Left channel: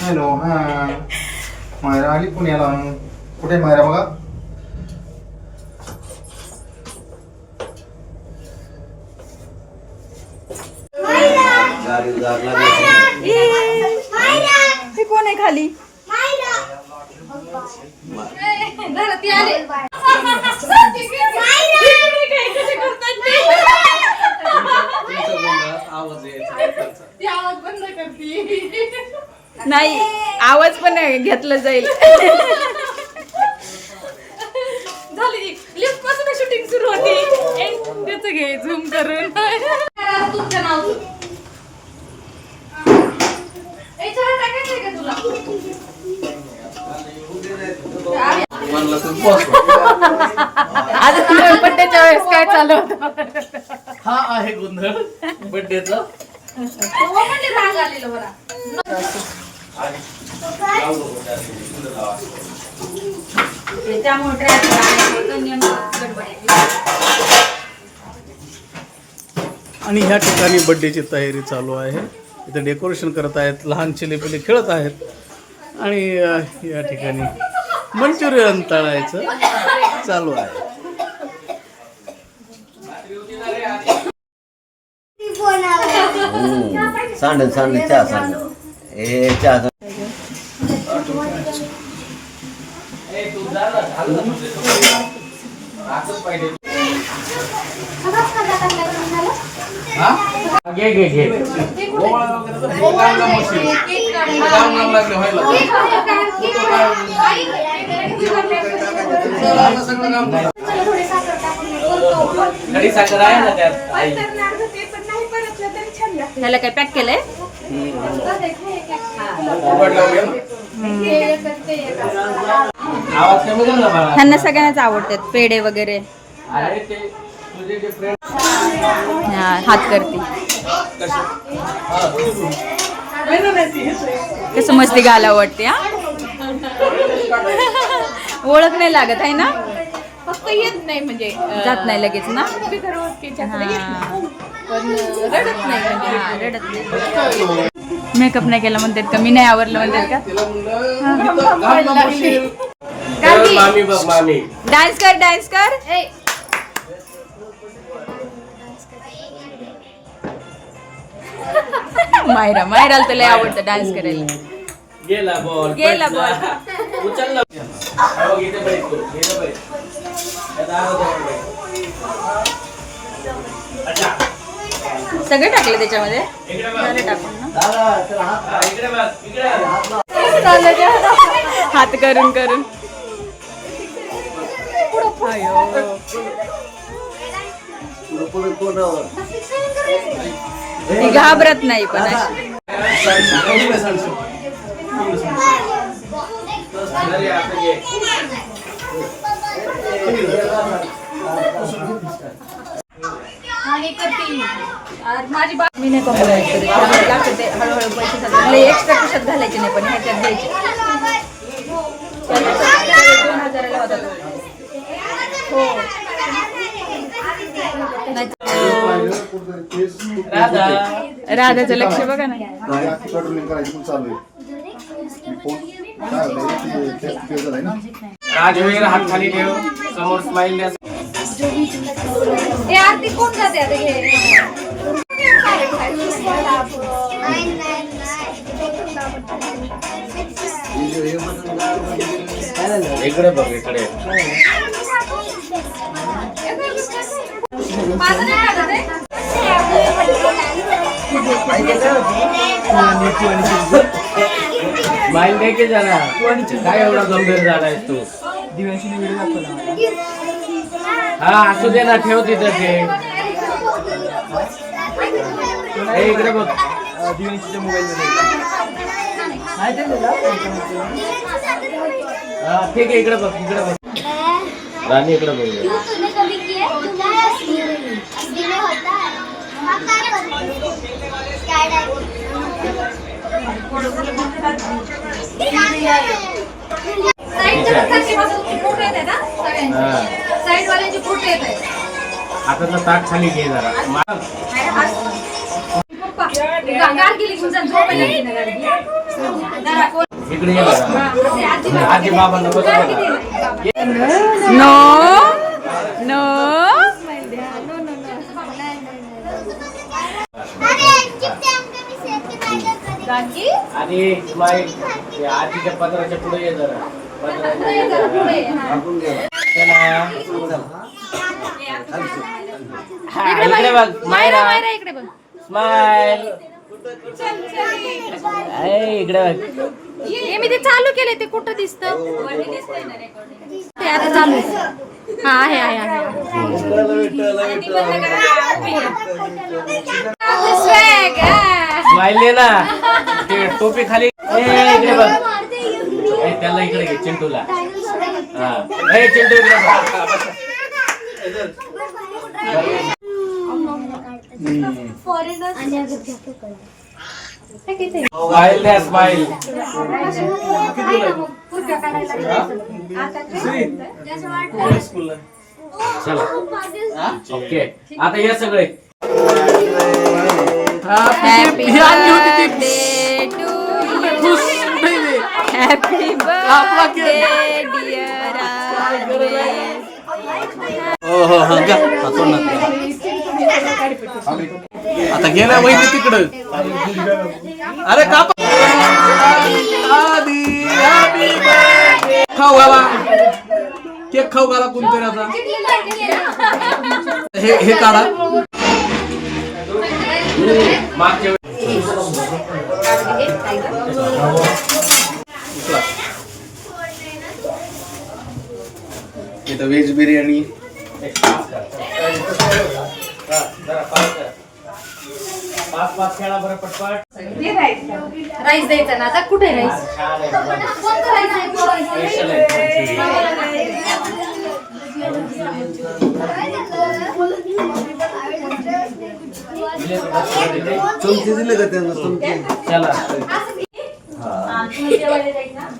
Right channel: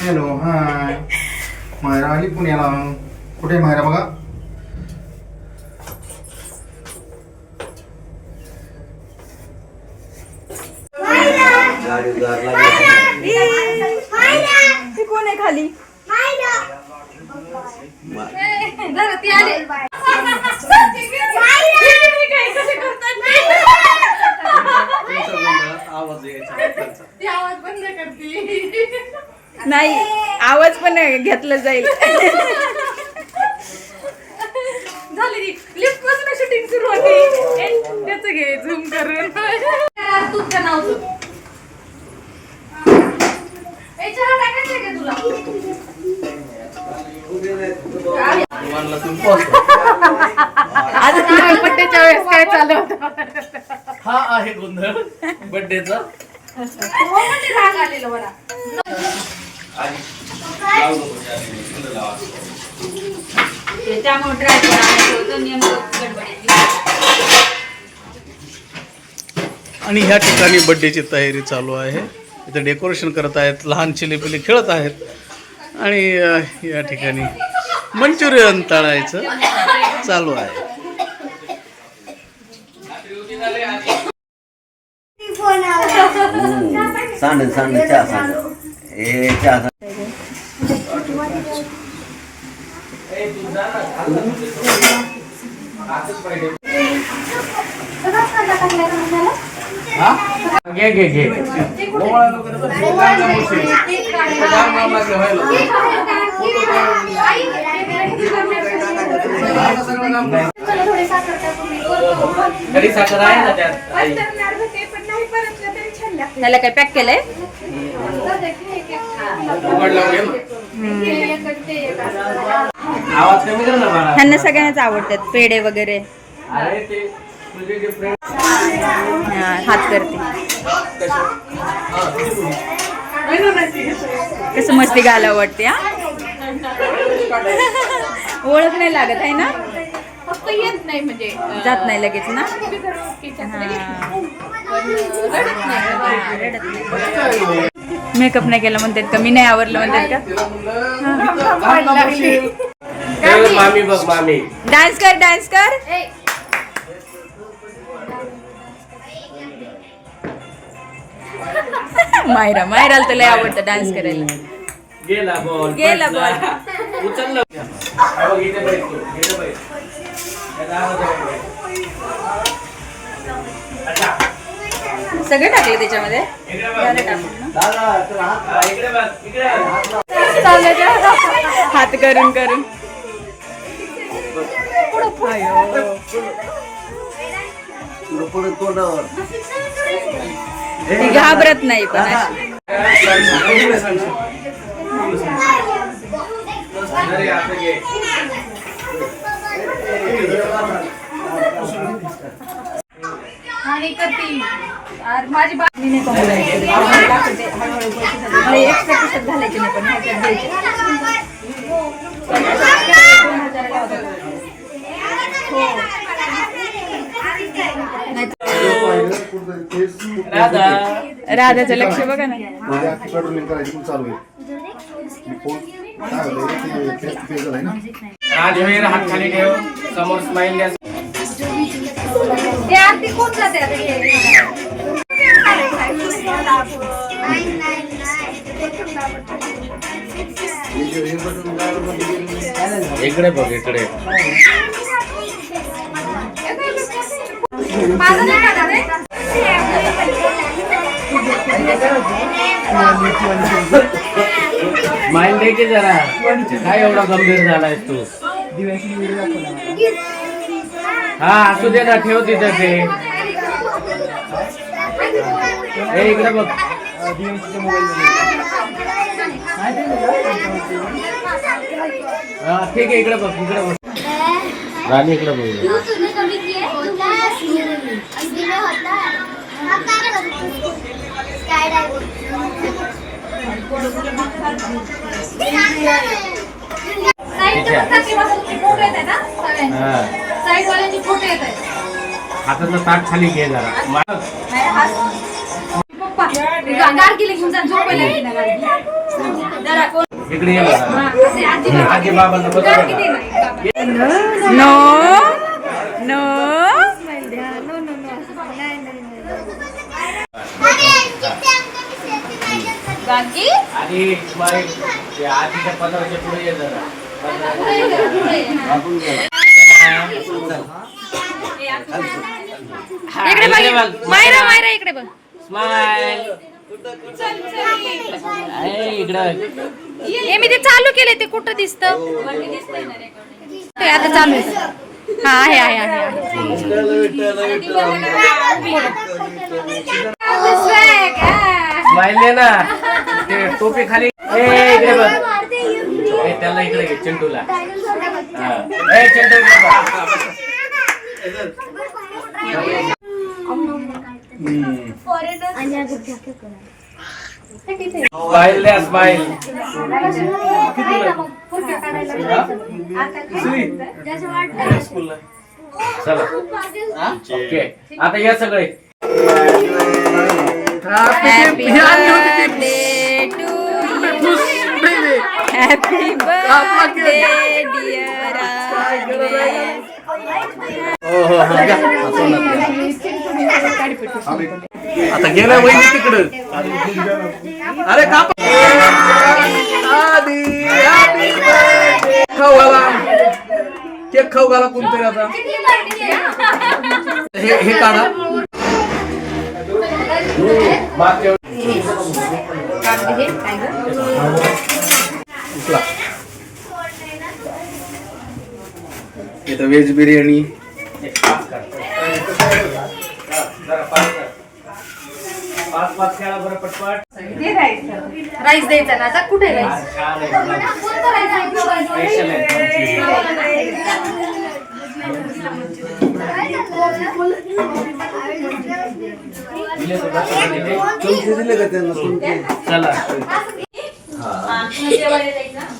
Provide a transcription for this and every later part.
Hello, हाय. मायरा आली पुण्याला. कुठे मायरा बघा. कोण आहे खाली? नाही, आवाज पण घेतला जाईल. झाली लिफ्ट पासून शूटिंग सुरू होती. त्याचं घे झूम करून. तुझं नाव बड्डेच्या वेळेस काय चालू होतं? हा आहे गोंधळ बड्डेचा. आणि ह्या ठिकाणी बड्डेची तयारी चालू आहे. इथे डेकोरेशन करत आहेत, लहान चिलेपिले खेळत आहेत आणि या ठिकाणी मंचुरियन तळायचं चालू आहे. सांड चहा सांड ए चहा घे घे घे. कधी साखर आहे ना त्यात. त्याला काय पॅक केलंय? आवाज कमी कर ना बाळा. ह्यांना सगळ्यांनाच आवडतात पेढे वगैरे. अरे ते तुझे जे फ्रेंड हात करते कसं मस्ती घालावं वाटते. हा ओळख नाही लागत आहे ना. फक्त येत नाही म्हणजे जात नाही लगेच ना. रडत नाही. मेकअप नाही केला म्हणतात का? मी नाही आवरलं म्हणतात का? मामी बघ मामी. डान्स कर डान्स कर. मायरा मायराला तर लय आवडतं डान्स करायला. गेला बॉल. गेला बॉल. उचलला. हो इथे बैठ तू. इथे बैठ. अच्छा. सगळे टाकले त्याच्यामध्ये. झालं टाकून ना. इकडे बघ. इकडे. हात करून करून. आयो. ती घाबरत नाही पण अशी. आणि करते माझी मी नाही कॉम्प्लिमेंट करत. त्यामुळे लागतं ते हळूहळू पैसे झाले. एक्स्ट्रा कशात घालायचे नाही पण ह्याच्यात द्यायचे. 2000ला होता तो. हो. राधाचं लक्ष बघा ना. राजवीर हात खाली ठेव. समोर स्माइल द्या. आरती कोण जाते आता हे? इकडे बघ इकडे. माझं नाही खाणार आहे. स्माइल दे की जरा. काय एवढा गंभीर झालायस तू? हा असू दे ना. ठेव तिथं ठेव. इकडे बघ. हा ठीक आहे. इकडे बघ. इकडे बघ. राणी इकडे बघ. साईड वाल्यांचे फोटो येत आहेत. हाताचं ताट खाली घे जरा. गाडगीला घेऊन जा, झोपायला लागली ना गाडगी. जरा कोण- इकडे ये बघा. हा, असे आजी- आजी बाबांना बघा गाडगी बघा. दे ना, बाबा. नो नो स्माईल द्या. No, no, no. नाही, नाही, नाही. गाडगी आणि स्माईल ते आजीच्या पदराच्या पुढे ये जरा. पदराच्या इकडे बघ मायरा मायरा इकडे बघ स्माईल. इकडे हे मी ते चालू केले ते कुठं दिसतं ते आता चालू आहे हा आहे आहे आहे स्माईल दे ना. ते टोपी खाली इकडे बघ. त्याला इकडे घे चिंटूला. चिंटू इकडे बघ. स्माईल द्या स्माईल. चला ओके आता या सगळे. Happy birthday to you happy birthday dear आता गेल्या बहिणी तिकडं. अरे का खाऊ घाला केक खाऊ घाला कोणतरी. आता हे काढा. उचला. इथं व्हेज बिर्याणी. पाच खेळा बरं पटपट. राईस द्यायचा ना आता. कुठे राईस? स्पेशल आहे. तुमचे दिले का त्यांना तुमचे? चला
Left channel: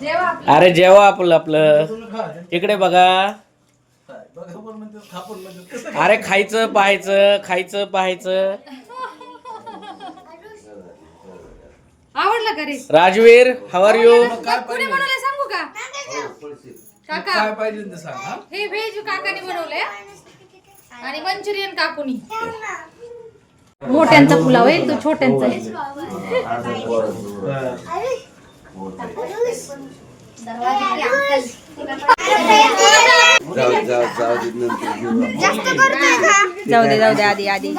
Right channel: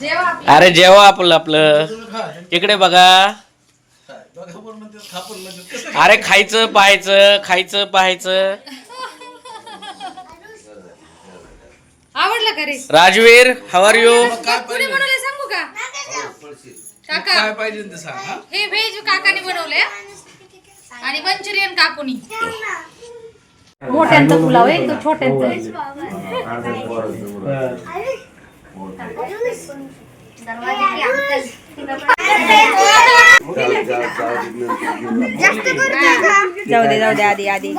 जेवा. अरे जेव्हा आपलं इकडे बघा. अरे खायचं पाहायचं. आवडलं का रे? Rajveer how are you. कुणी बनवलंय सांगू का? काका काय पाहिजे ते सांग. हा? हे व्हेज काकाने बनवलंय आणि मंचुरियन काकूनी. मोठ्यांचा पुलाव आहे तो छोट्यांचा आहे. जाऊ दे आधी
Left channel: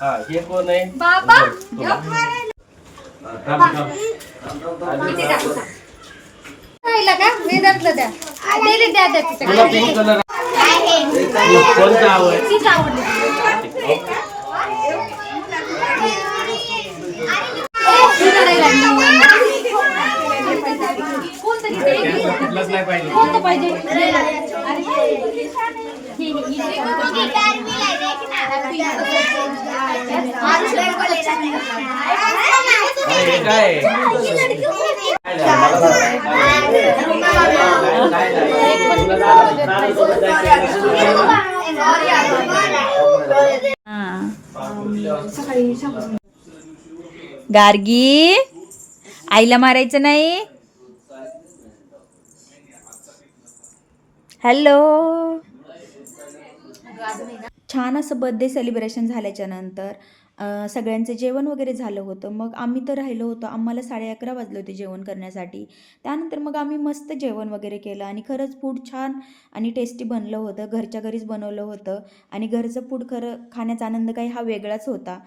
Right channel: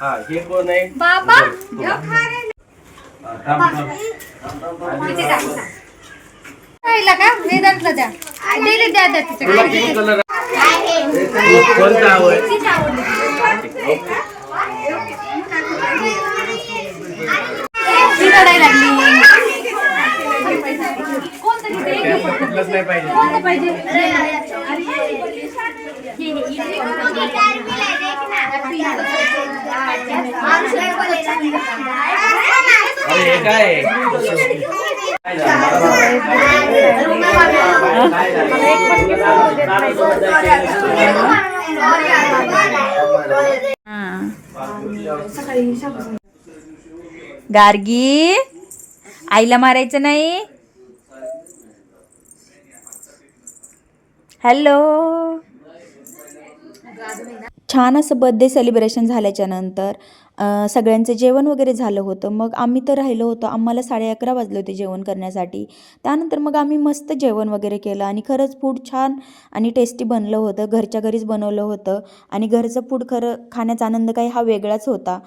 हा हे कोण आहे. बाबा खायला का? वेदांतला द्या. दिले द्या तुला पिंक तिच्याकडे. कलर कोणता आवड. तीच आवडली. ती रडायला लागली. कोणतरी दे. कुठलंच नाही पाहिजे. कोणतं पाहिजे? अरे हे काय गार्गी आईला मारायचं नाही. हॅलो. छान असं बर्थडे सेलिब्रेशन झाल्याच्या नंतर सगळ्यांचं जेवण वगैरे झालं होतं. मग आम्ही तर राहिलो होतो. आम्हाला 11:30 वाजले होते जेवण करण्यासाठी. त्यानंतर मग आम्ही मस्त जेवण वगैरे केलं आणि खरंच फूड छान आणि टेस्टी बनलं होतं. घरच्या घरीच बनवलं होतं आणि घरचं फूड खरं खाण्याचा आनंद काही हा वेगळाच होता.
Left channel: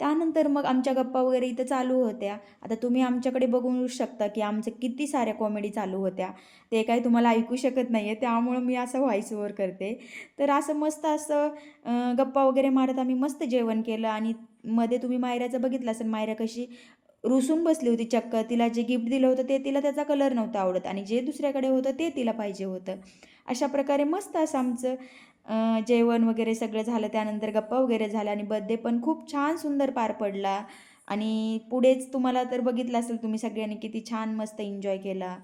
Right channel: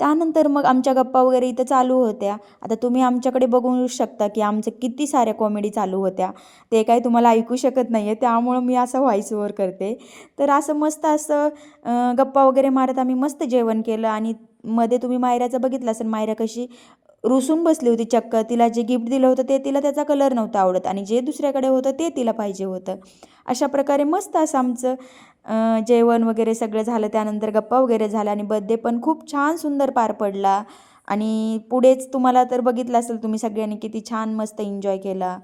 त्यानंतर मग आमच्या गप्पा वगैरे इथं चालू होत्या. आता तुम्ही आमच्याकडे बघू शकता की आमचं किती साऱ्या कॉमेडी चालू होत्या. ते काही तुम्हाला ऐकू शकत नाही आहे, त्यामुळं मी असं व्हॉइस ओव्हर करते. तर असं मस्त असं गप्पा वगैरे मारत आम्ही मस्त जेवण केलं. आणि मध्ये तुम्ही मायराचं बघितलं असेल, मायरा कशी रुसून बसली होती चक्क. तिला जे गिफ्ट दिलं होतं ते तिला त्याचा कलर नव्हता आवडत आणि जे दुसऱ्याकडे होतं ते तिला पाहिजे होतं. अशा प्रकारे मस्त असं आमचं जेवण वगैरे सगळं झालं. त्यानंतर गप्पा वगैरे झाल्या आणि बर्थडे पण खूप छान सुंदर पार पडला. आणि पुढेच तुम्हाला तर बघितलं असेल तुम्ही सगळ्यांनी किती छान मस्त एन्जॉय केला.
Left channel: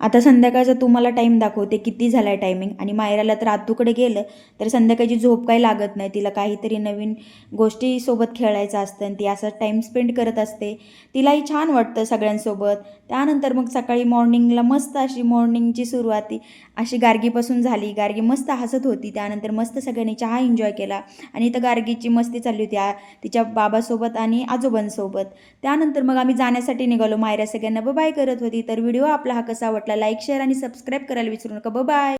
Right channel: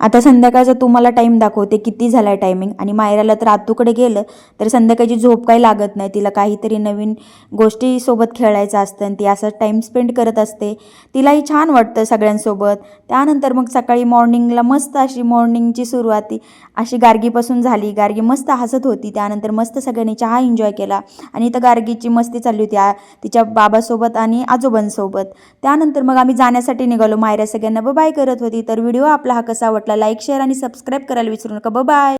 आता संध्याकाळचा तुम्हाला टाईम दाखवते किती झाला आहे टायमिंग. आणि मायराला तर आतूकडे गेलं तर संध्याकाळची झोप काही लागत नाही. तिला काहीतरी नवीन गोष्टीसोबत खेळायचं असतं आणि ती असं टाईम स्पेंड करत असते. तिलाही छान वाटतं सगळ्यांसोबत. त्यानंतर मग सकाळी मॉर्निंगला मस्त अशी मॉर्निंगची सुरुवात अशी गार्गीपासून झाली. गार्गी मस्त हसत होती. त्यानंतर मस्त सगळ्यांनी चहा एन्जॉय केला आणि इथं गार्गीची मस्ती चालली होती तिच्या बाबासोबत आणि आजोबांसोबत. त्यानंतर मग आम्ही जाण्यासाठी निघालो. मायरा सगळ्यांना बाय करत होती. तर व्हिडिओ आपला हा कसा वाटला लाईक शेअर आणि सबस्क्राईब करायला विसरू नका. बाय.